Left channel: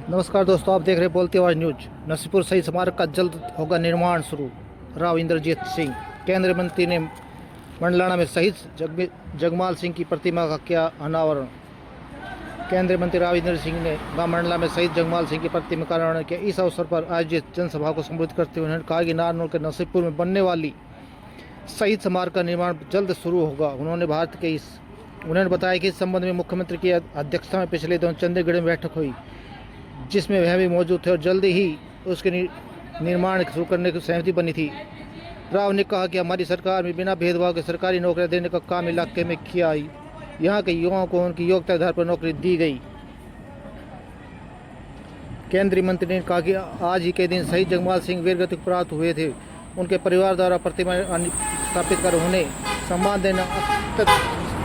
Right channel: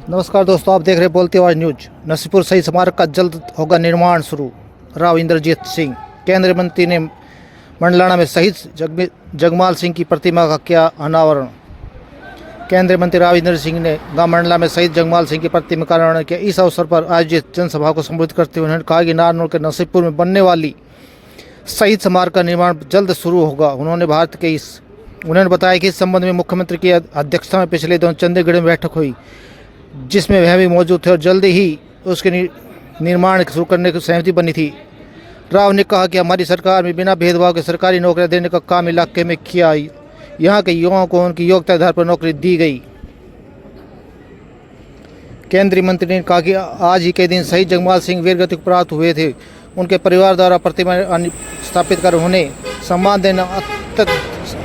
नमस्कार दोस्तों, आप देख रहे हैं बोलती आवाज़ न्यूज। नरसिंहपुर शहीद स्मारक का जल्द होगा निर्माण शुरू, राव इंद्रजीत सिंह। केंद्रीय मंत्री ने मंडलाना में शहीद जगमाल सिंह की प्रतिमा का किया अनावरण। केंद्रीय मंत्री राव इंद्र सिंह ने गांव मंडला में शहीद जगमाल सिंह की प्रतिमा का अनावरण किया। इस अवसर पर आयोजित जनसभा को संबोधित करते हुए उन्होंने कहा कि नारनौल के नरसिंहपुर में बनने वाली शहीद स्मारक का निर्माण जल्द शुरू होगा। उन्होंने बताया कि इस संबंध में मुख्यमंत्री की अध्यक्षता में पिछले दिनों चंडीगढ़ में बैठक हुई, जिसमें वह भी मौजूद थे और जल्द ही उसके निर्माण शुरू करने की सहमति बनी थी। राव ने कहा कि हमारी सरकार में बिना भेदभाव के सरकारी नौकरियां देने का काम इलाके में किया। यहाँ के युवाओं को उनकी योग्यता के आधार पर नौकरी दी गई। केंद्रीय मंत्री ने कहा कि आज ही के दिन शहीद जगमाल सिंह वीरगति को प्राप्त हुए थे। उनके परिवार द्वारा प्रतिमा स्थापित कर उन्हें सम्मान देना अत्यंत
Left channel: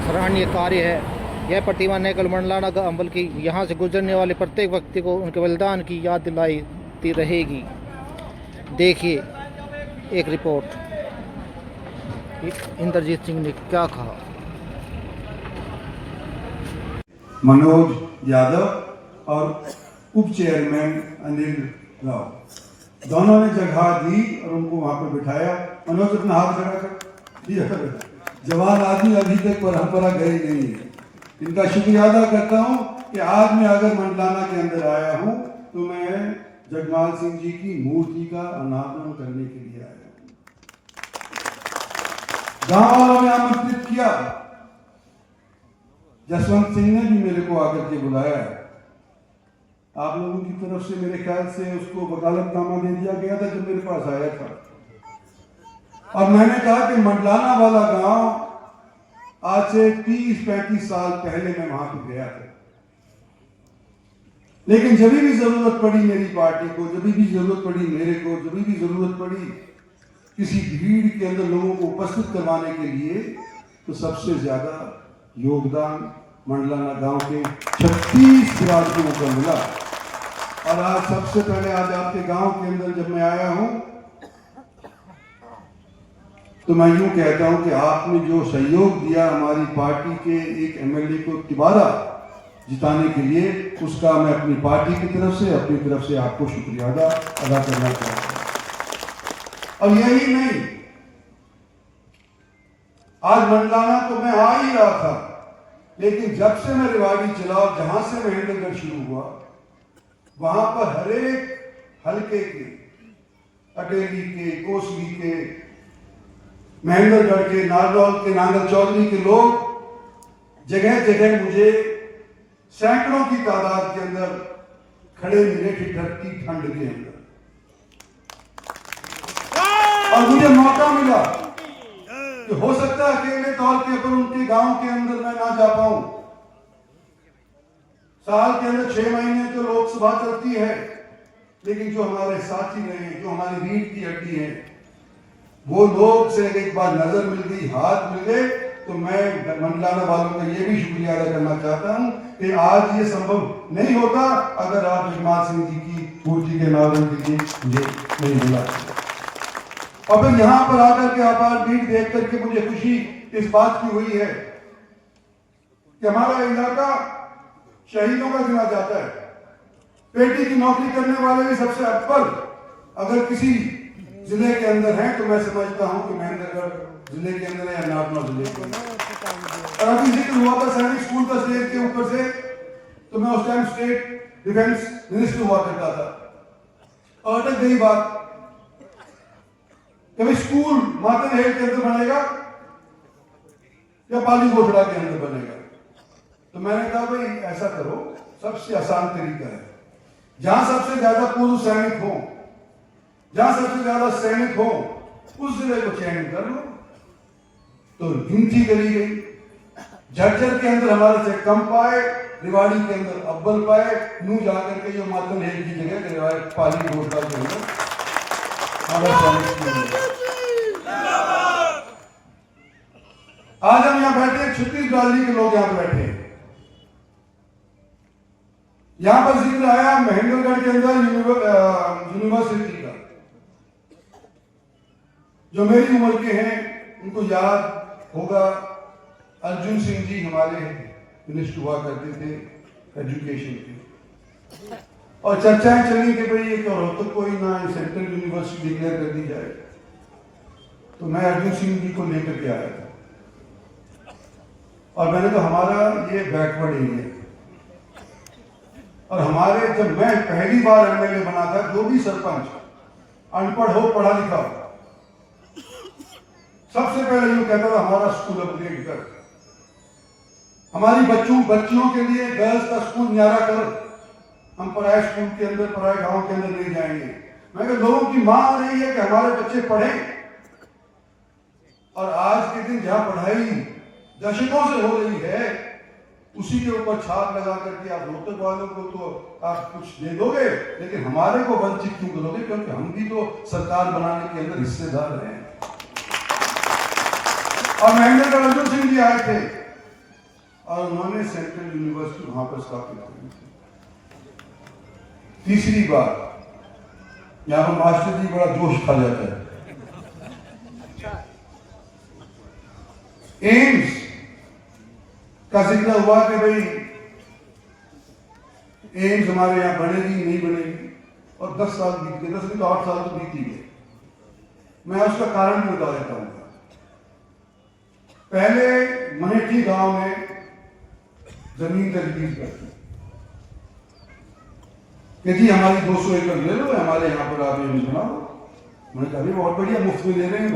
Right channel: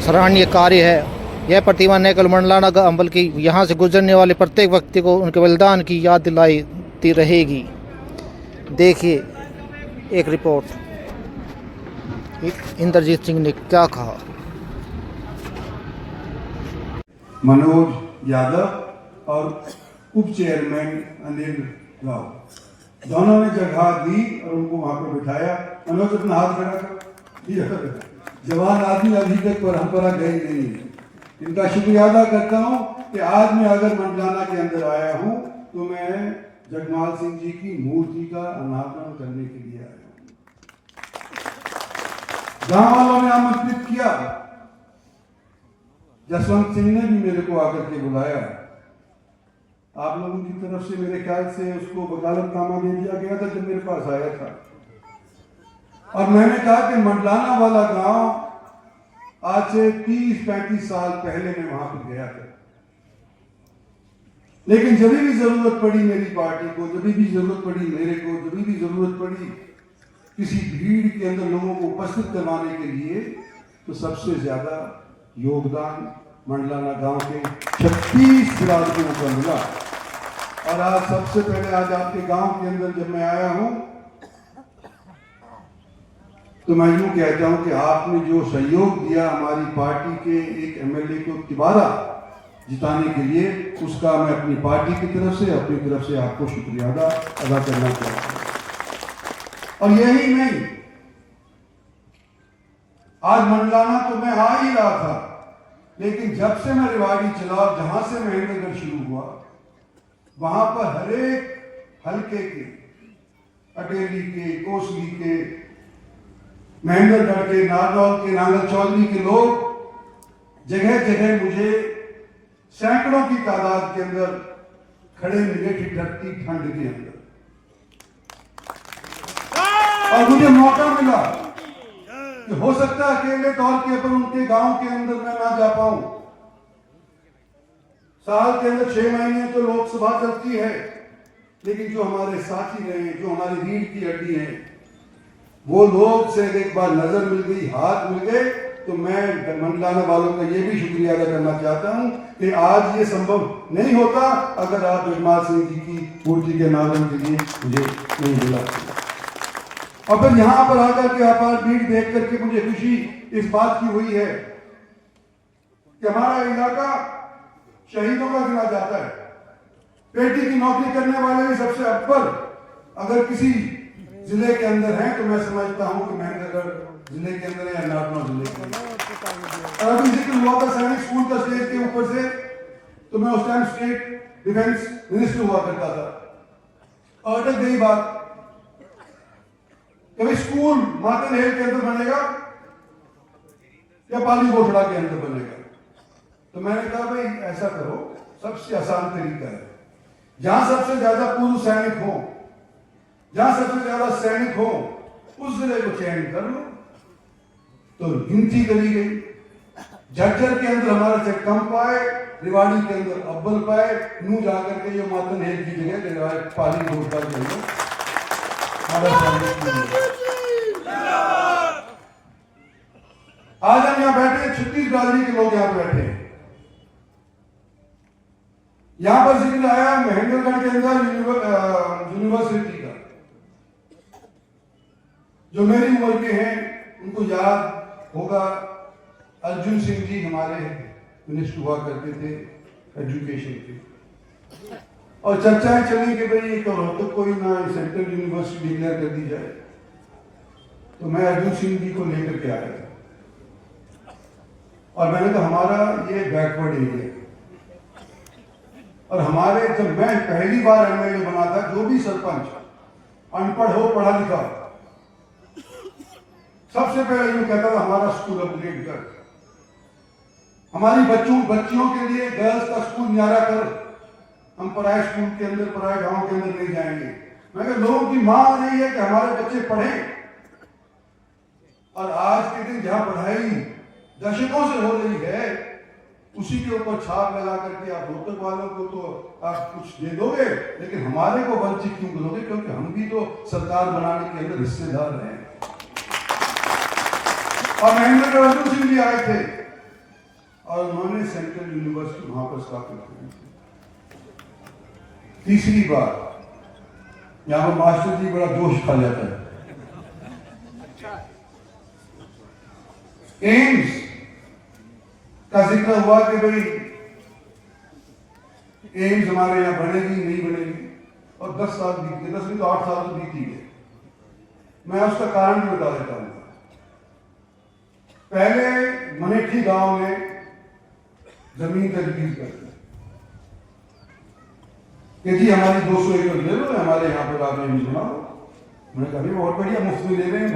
सराहनीय कार्य है। यह प्रतिमा न केवल मंडलाना का बल्कि यहाँ से गुजरने वाले प्रत्येक व्यक्ति को उनके बलिदान की याद दिलाती रहेगी। देखिए एक रिपोर्ट, इंद्रजीत सिंह ने क्या कहा। मनोज यादव और उप चेयरमैन अनिल राव दोनों ने जगह दी और उनको वहां पर बिठाया। मनोज अपना हाथ खड़ा कर। जवान आदमी अभी तक परंपरा गई नहीं है। इनका शुक्रिया अदा करता हूं कि आज मैं अगर मंडलाना के अंदर आया हूं तो मैं जगमाल सिंह जी की मूर्ति का अनावरण करने के लिए आया हूं। गांव वालों ने आमंत्रित किया, जसवंत सिंह ने भी मेरे को आकर के बुलाया। आप लोगों की तरफ से मेरे ख्याल से उसको वकालतनामा दे दिया गया था जब मेरे पास आया था, और मैंने कहा कि मंडलाना वाला गांव आज से 30-35 साल पहले मैं वहां पर गया था, लेकिन जब भी जरूरत पड़ी मेरी पार्टी को, जब भी जरूरत पड़ी मेरे को, जब भी जरूरत पड़ी किसी भीड़ के अंदर लोगों को उपस्थित करवाने के लिए, तो सबसे ज्यादा योगदान मंडलाना गांव के 36 बिरादरों को मिला। और आज सबसे पहले आज आपके गांव के अंदर जब मैं आया हूं तो मैं यूं कहता हूं कि आपने जो सहयोग दिया हमारी पार्टी के एक एमएलए को दोबारा जिताने के लिए, उसका मैं अपनी पार्टी की तरफ से, अपनी तरफ से आपको शुक्रिया अदा करना चाहता हूं। और यही नहीं, आज मंडलाना तो मैं आ ही रहा था, लेकिन जब से मैं रेवाड़ी चला, जहां से महेंद्रगढ़ शुरू हुआ, वहां पर हर एक हल्के के, अटेली के, कोसली के, महेंद्रगढ़ के, नारनौल के, नांगल चौधरी के लोग जगह जगह मुझे सैकड़ों की तादाद के अंदर खड़े मिले ठिठुरती ठंड के अंदर, और मुझे मौका मिला कि हो सकता है अकेले तौर के ऊपर उनके गांव के अंदर मैं ना जा पाऊं। साल के अंदर 6 महीने तो लोकसभा चलती है, लेकिन जो हमारे साथी रहे, जो हमारी रीढ़ की हड्डी है, वो लोग से एक बार नजर मिल गई, हाथ मिल गए, तो मैं मंडलाना वालों का ये भी शुक्रिया अदा करना चाहता हूं कि आज ये संभव नहीं होता अगर आप जगमाल सिंह जी की मूर्ति के अनावरण के लिए मुझे नहीं बुलाते। और फिर यहां पर आकर के आपार भीड़ देख करके मुझे खुशी इस बात की हुई है कि हमारा इलाका शहीदों का गिना जाता है। पेटी की नौकरी करने वाले भी सबसे अव्वल अगर किसी जिले के अंदर हैं तो मैं समझता हूं कि महेंद्रगढ़ जिले के अंदर या नारनौल जिले के अंदर। और अभी जिक्र हुआ था सैनिक स्कूल का स्टेज के ऊपर से, तो मैं उस टाइम स्टेट डिफेंस मिनिस्टर हुआ करता था, और अटक गई बात, कभी स्कूल मातरहेल के अंदर बनेगा या पाली घोषणा के अंदर बनेगा। तो मैंने कहा भाई ऐसा करो, सबसे आसान तरीका है, जहां सबसे ज्यादा पूर्व सैनिक हो, जहां सबसे ज्यादा सैनिक हो, उस जिले को चयन कर लो। तो गिनती करी गई, झज्जर के अंदर हमारे से कम पाए, रेवाड़ी के अंदर अव्वल पाए, नू जाकर के ये मातरहेल की जगह पाली घोषणा के अंदर आज हम यहां बैठे, 36 बिरादरी के लोग यहां पर बैठे हैं। यहां पर जिक्र आया महेंद्रगढ़ के अंदर यूनिवर्सिटी का, जो मेरी उम्र के हैं उनको याद होगा, अर्जुन सिंह जी हमारे मिनिस्टर हुआ करते थे एजुकेशन के, और चर्चाएं चली कि भाई एक रोहतक को ही ना सेंट्रल यूनिवर्सिटी डिक्लेयर कर दी जाए। तो मैं अर्जुन सिंह जी को लेकर के आया था और मैंने कहा हमारा ये बैकवर्ड एरिया है और हमारे जब मैं पहली बार एमएलए बना था, जो भी सरपंच अनपढ़ हो पढ़ा लिखा हो, सबसे पहले यूं कहता था हमारा स्कूल अपग्रेड कर, हमारी बच्चियों के लिए गर्ल्स का स्कूल न्यारा कर, हम पराए स्कूल के अंदर पराए गांव के अंदर नहीं जाएंगे। मगर लोगों की मांग रही है कि हमारे बच्चे पढ़ें और आज के दिन जहां पढ़ाई दशकों से हो रही है उसी के ऊपर छाप लगा करके आप रोहतक वालों को तो आप कुछ दे दोगे, लेकिन हमारे को वंचित क्यों करोगे? क्योंकि हम भी तो सरकार बनाने के अंदर हिस्सेदार हैं। और महेंद्र अर्जुन सिंह जी आए थे और उन्होंने सेंट्रल यूनिवर्सिटी वहां पर स्थापित की थी। तीसरी बात, यहां पर मास्टर जी बड़ा जोश खा जाता है। एम्स का जिक्र हुआ कि भाई एम्स हमारे यहां बनेगी नहीं बनेगी, और 10 साल बीत गए, 10 में तो 8 साल तो बीत ही गए। मैं उसका कारण भी बता देता हूं। पहले मनेठी गांव में जमीन तजवीज करती कि जी हमारी 200 एकड़ ले लो, हमारे यहाँ पर आप एम्स बना लो। मैंने कहा बहुत बढ़िया, मुफ्त में ले रहे हैं।